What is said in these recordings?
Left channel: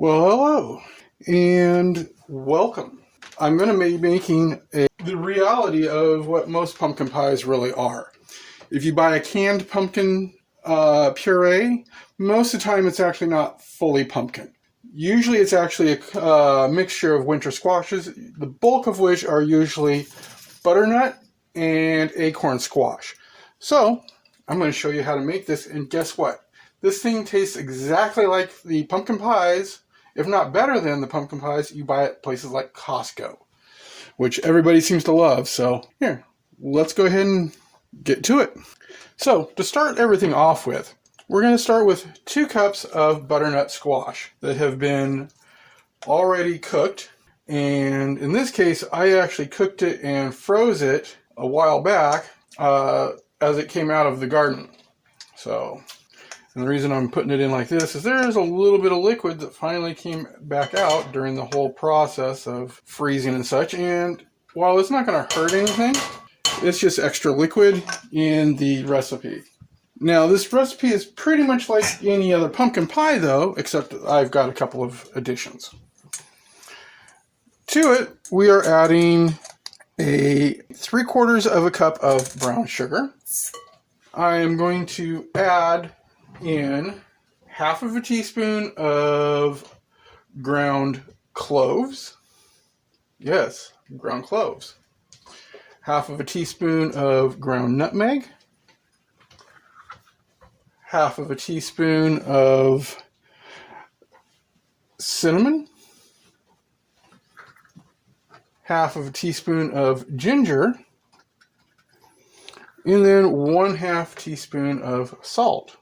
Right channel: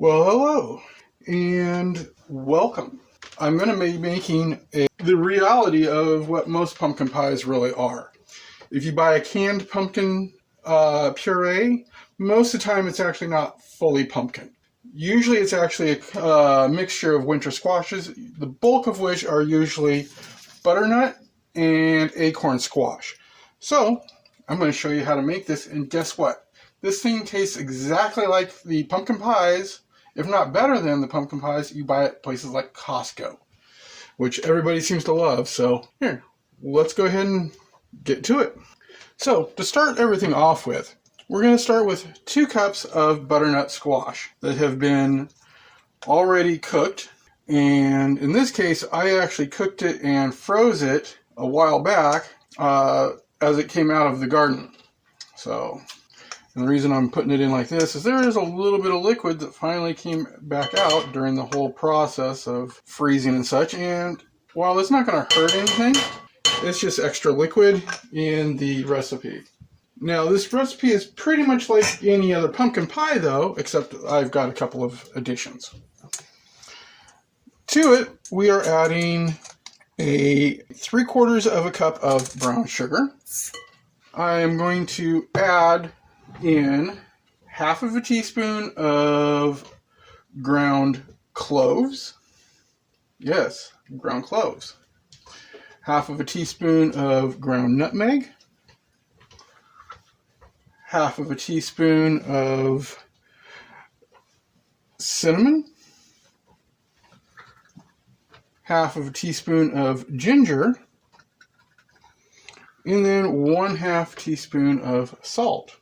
Well, hello and welcome. I'm going to be making the reality of what most pumpkin pies really are. If you buy a canned pumpkin puree, most of the time it's actually not fully pumpkin. Usually it's actually a mixture of winter squashes, the bulk of which are usually butternut and acorn squash. So I'm going to show you how to make this, and guess what? This thing tastes exactly like the pumpkin pies, if not better than the pumpkin pies you buy at places like Costco, which everybody seems to love. So here, let's go ahead and get to it. So to start everything off with, we're going to start with 2 cups of butternut squash that have been already cooked. And in this case, I actually cooked it and froze it a while back as it came out of the garden. So, and the reason I'm putting it in like this is there's a little bit of liquid that finally came back out during the whole process of freezing and such. And while it's not going to hurt anything, it's just extra liquid in the recipe. Now, this recipe is pretty much like any other pumpkin pie, though, except I've got a couple of additions. To it, we are adding a 3/4 cup of brown sugar. I am going to add in 1/2 teaspoon of ground cloves. Yes, ground cloves. 1/2 teaspoon of ground nutmeg. 1/2 teaspoon of cinnamon. 1/2 teaspoon of ginger. And then 1/2 teaspoon of salt.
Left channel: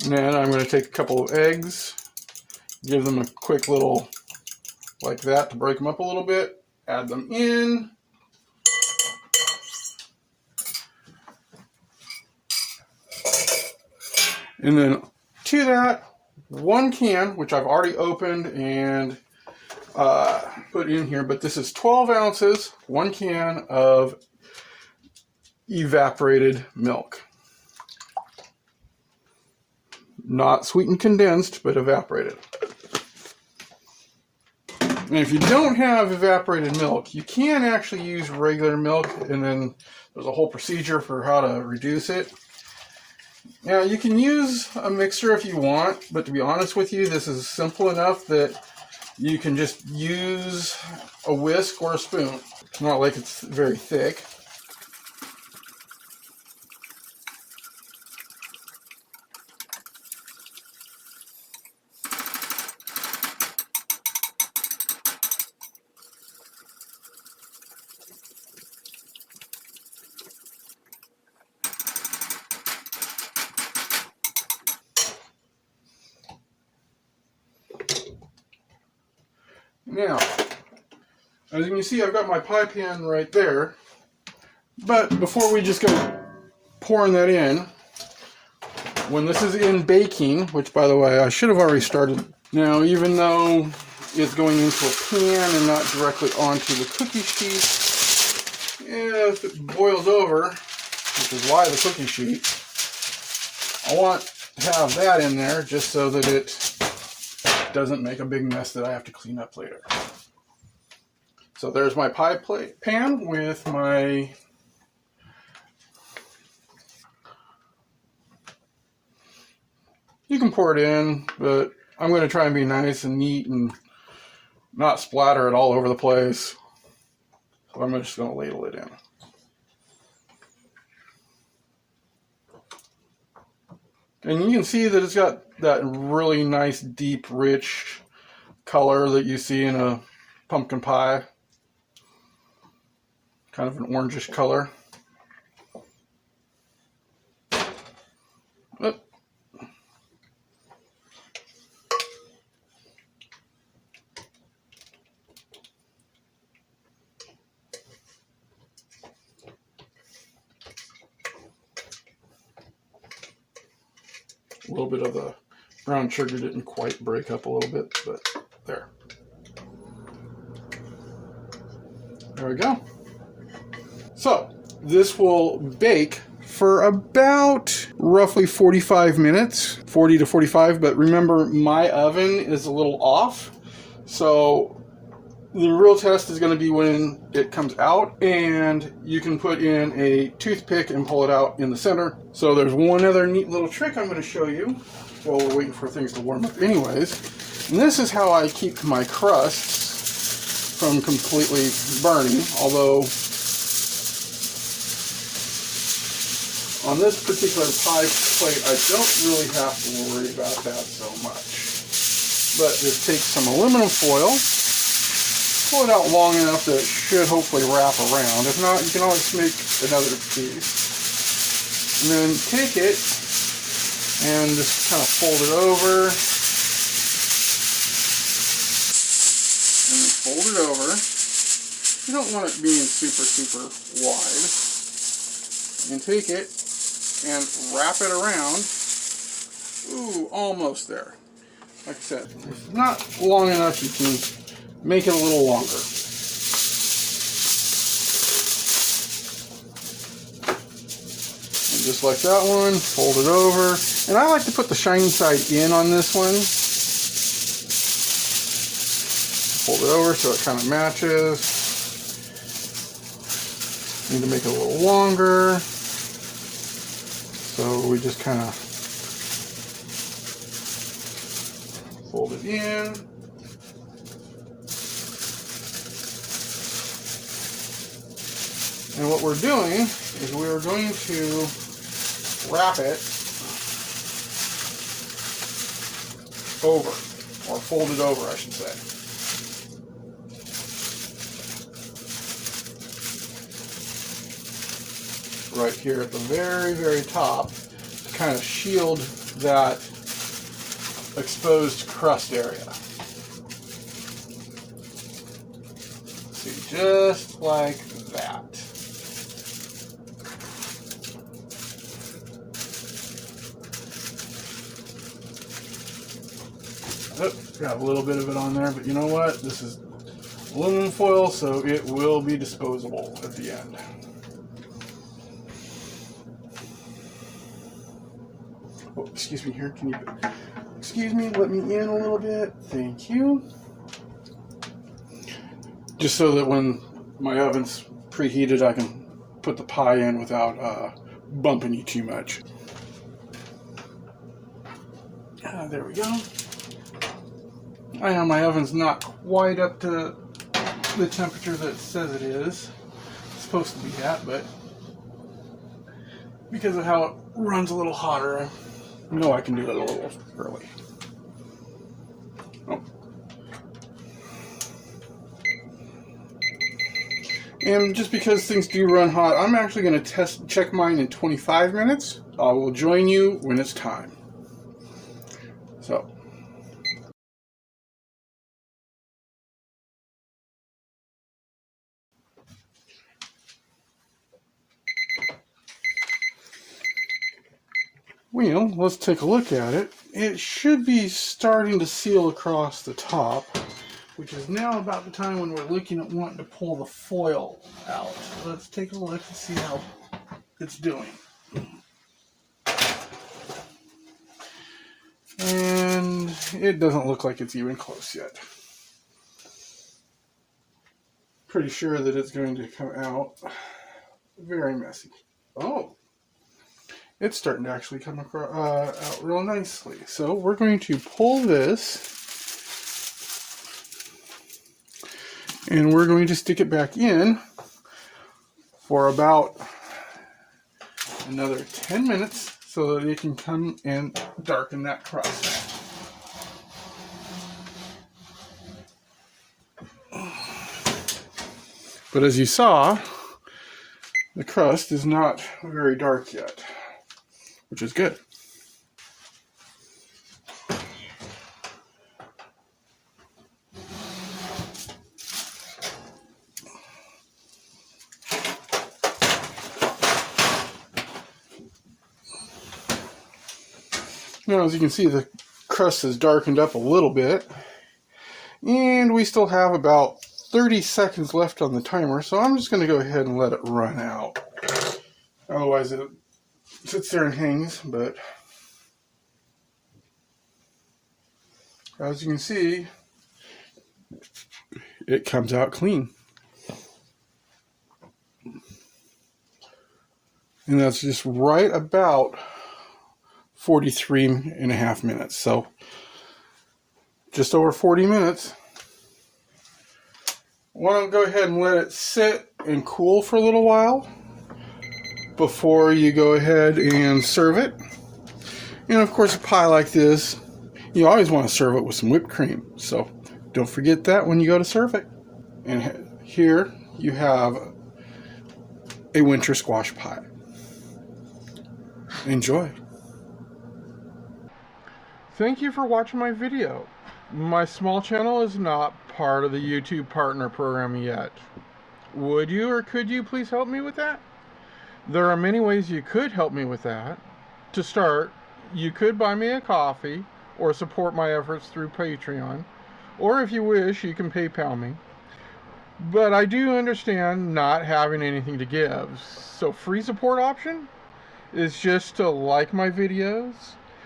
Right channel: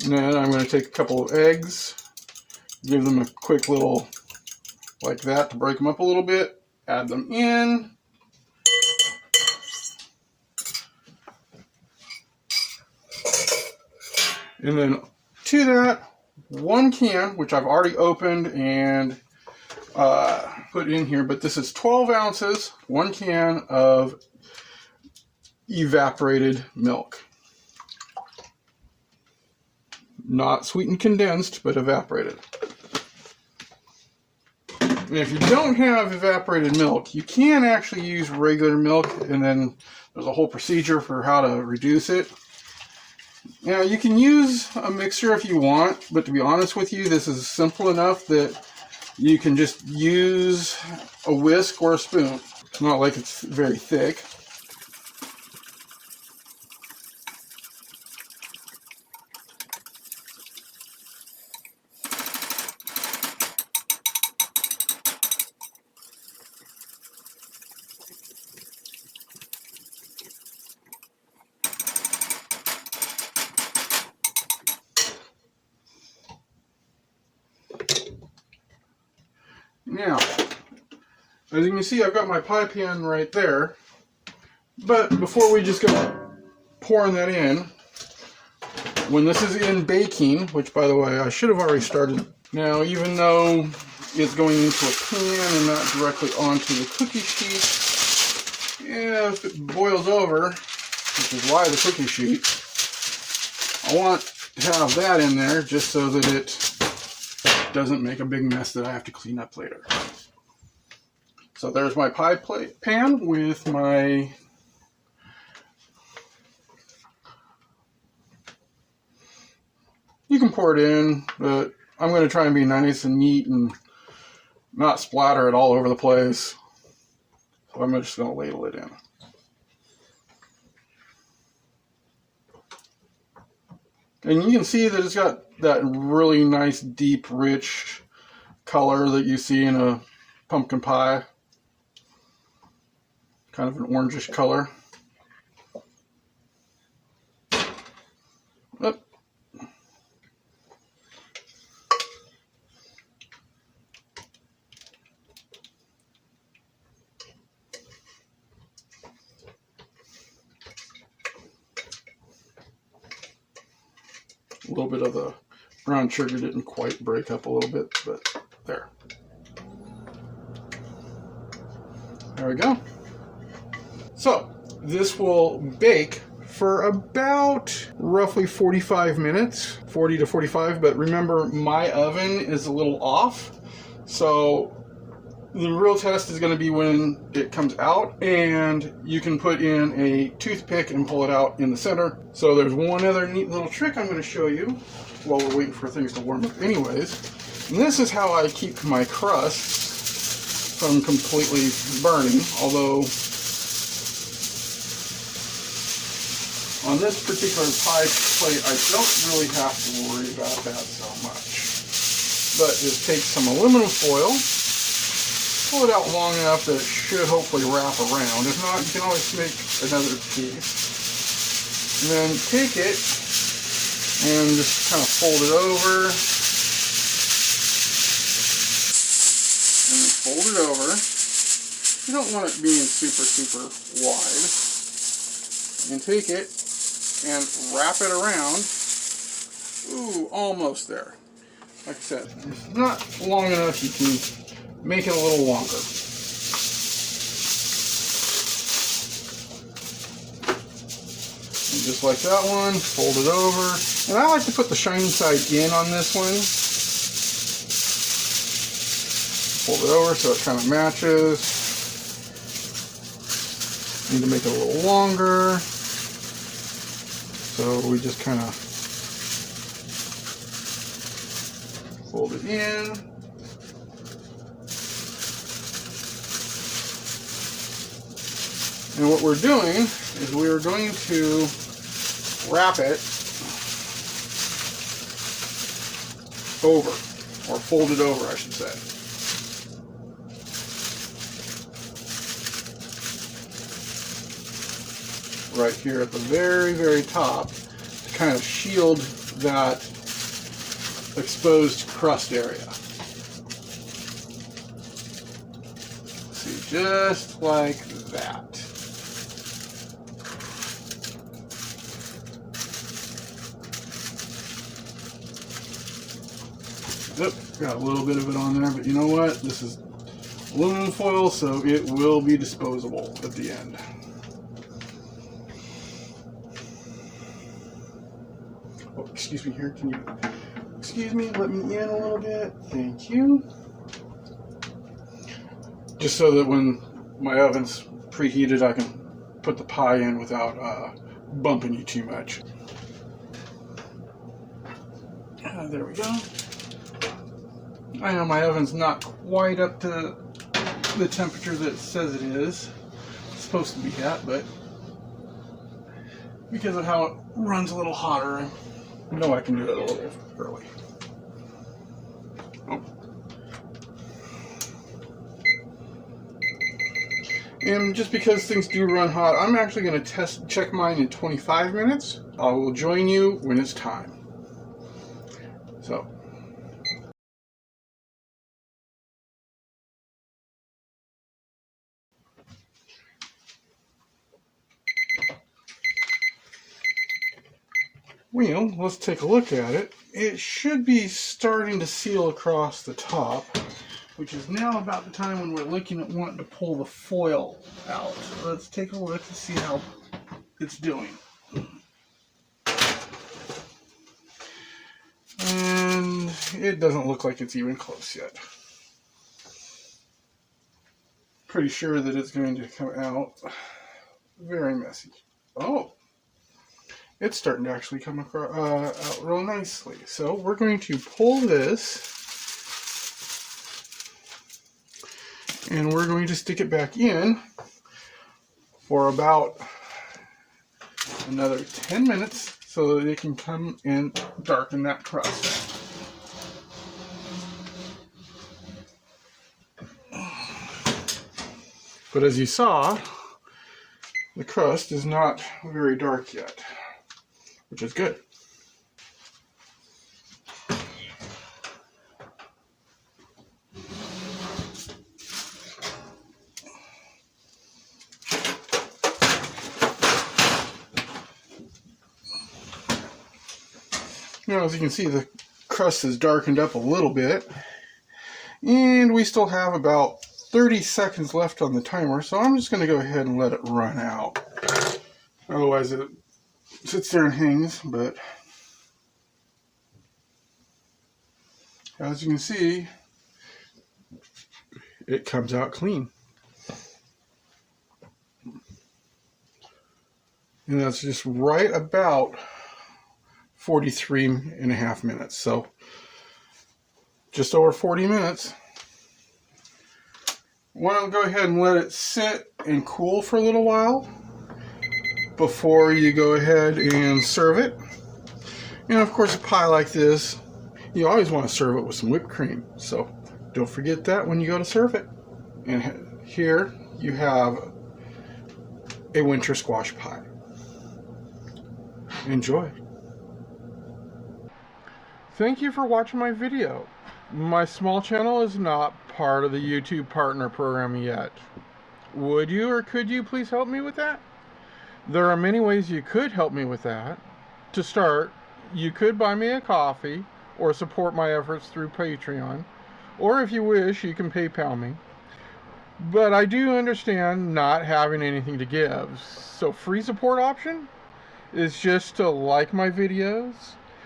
Then I'm going to take a couple of eggs, give them a quick little, like that, to break them up a little bit, add them in. And then to that, 1 can, which I've already opened and put in here, but this is 12 ounces, 1 can of evaporated milk. Not sweetened condensed, but evaporated. And if you don't have evaporated milk, you can actually use regular milk, and then there's a whole procedure for how to reduce it. Now, you can use a mixer if you want, but to be honest with you, this is simple enough that you can just use a whisk or a spoon. It's not like it's very thick. Now, as you can see, I've got my pie pan right there, but before we just go pouring that in, when this is in baking, which by the way, I should have already started. Now, even though it's going into a pan and not directly onto the cookie sheet, if it boils over, which is why the cookie sheet, I want to have that in there just so that it doesn't make a big mess that I have to clean up later. So there's my pie pan with my you can pour it in, but I'm going to try and be nice and neat and not splatter it all over the place. So I'm just going to ladle it in. And you can see that it's got that really nice, deep, rich color that you see in a pumpkin pie. Kind of an orangish color. Yep. A little bit of the brown sugar didn't quite break up a little bit, but there. There we go. So this will bake for about roughly 45 minutes, 40 to 45. But remember, my oven is a little off. So the real test is going to be when it comes out, and you can put in a toothpick and pull it out in the center. So there's one other neat little trick I'm going to show you while we're waiting for things to warm up anyways. And this is how I keep my crusts from completely burning, although on this particular pie plate I don't really have to worry about that so much. But just take some aluminum foil, pull it out long enough that it should hopefully wrap around. If not, you can always make another piece. And then take it and just kind of fold it over. And then fold it over. You don't want it being super wide. And take it and wrap it around. Ooh, almost there. Like I said, if it's not long enough, you can make it a little longer. And just like that one, fold it over. And I like to put the shiny side in on this one. Fold it over so it kind of matches. Need to make it a little longer. So we just kind of fold it in. And what we're doing is we're going to wrap it over, or fold it over, I should say. Right here at the very top to kind of shield that exposed crust area. See, just like that. Oop, got a little bit of it on there, but you know what? This is aluminum foil, so it will be disposable at the end. Oh, excuse me here, can you, excuse me, let me in a little bit, thank you. Just so that when my oven's preheated, I can put the pie in without bumping you too much. There we go. I know my oven's not quite up to the temperature that it says it is. It's supposed to be at, but because of how it runs a little hotter, I know I can do it a little early. Oh. And just because things do run hot, I'm actually going to check mine in 25 minutes. I will join you when it's time. So. Well, let's take a look at it. It should be starting to seal across the top, which is now about the time when we're looking at wanting to pull the foil out. So let's take a look to see how it's doing. And it doesn't look like it's even close yet. Pretty sure that it's going to come out very messy. Oh! It's starting to actually come across, out real nicely. So we're going to pull this and we're going to stick it back in for about another 10 minutes so that it can come and darken that crust. But as you saw, the crust is not very dark yet, which is good. Now, as you can see, the crust has darkened up a little bit, and we still have about 30 seconds left on the timer, so I'm just going to go ahead and let it run out. Otherwise, sits there and hangs, but as you can see, it comes out clean. And that's just right about 43.5 minutes. So just over 40 minutes. Why don't go ahead and let it sit and cool for a little while before you go ahead and serve it. And of course, a pie like this, you always want to serve it with some whipped cream. So don't forget that when you go to serve it. And here you have a winter squash pie. Enjoy. Thank you for watching my video. My small channel is not part of the YouTube partner program yet. Would you or could you please help me with that? There are many ways you could help me with that. To start, you could buy me a coffee or support my efforts through Patreon, or if you wish, you can PayPal me. But I do understand not having anything to give, so free support option is just to like my videos,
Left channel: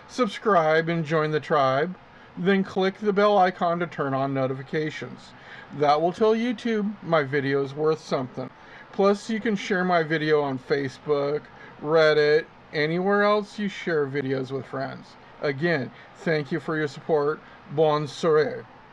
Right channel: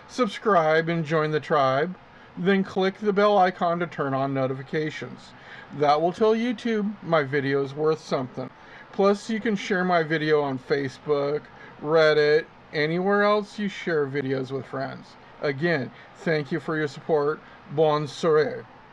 subscribe and join the tribe, then click the bell icon to turn on notifications. That will tell YouTube my video is worth something. Plus, you can share my video on Facebook, Reddit, anywhere else you share videos with friends. Again, thank you for your support. Bonne soirée.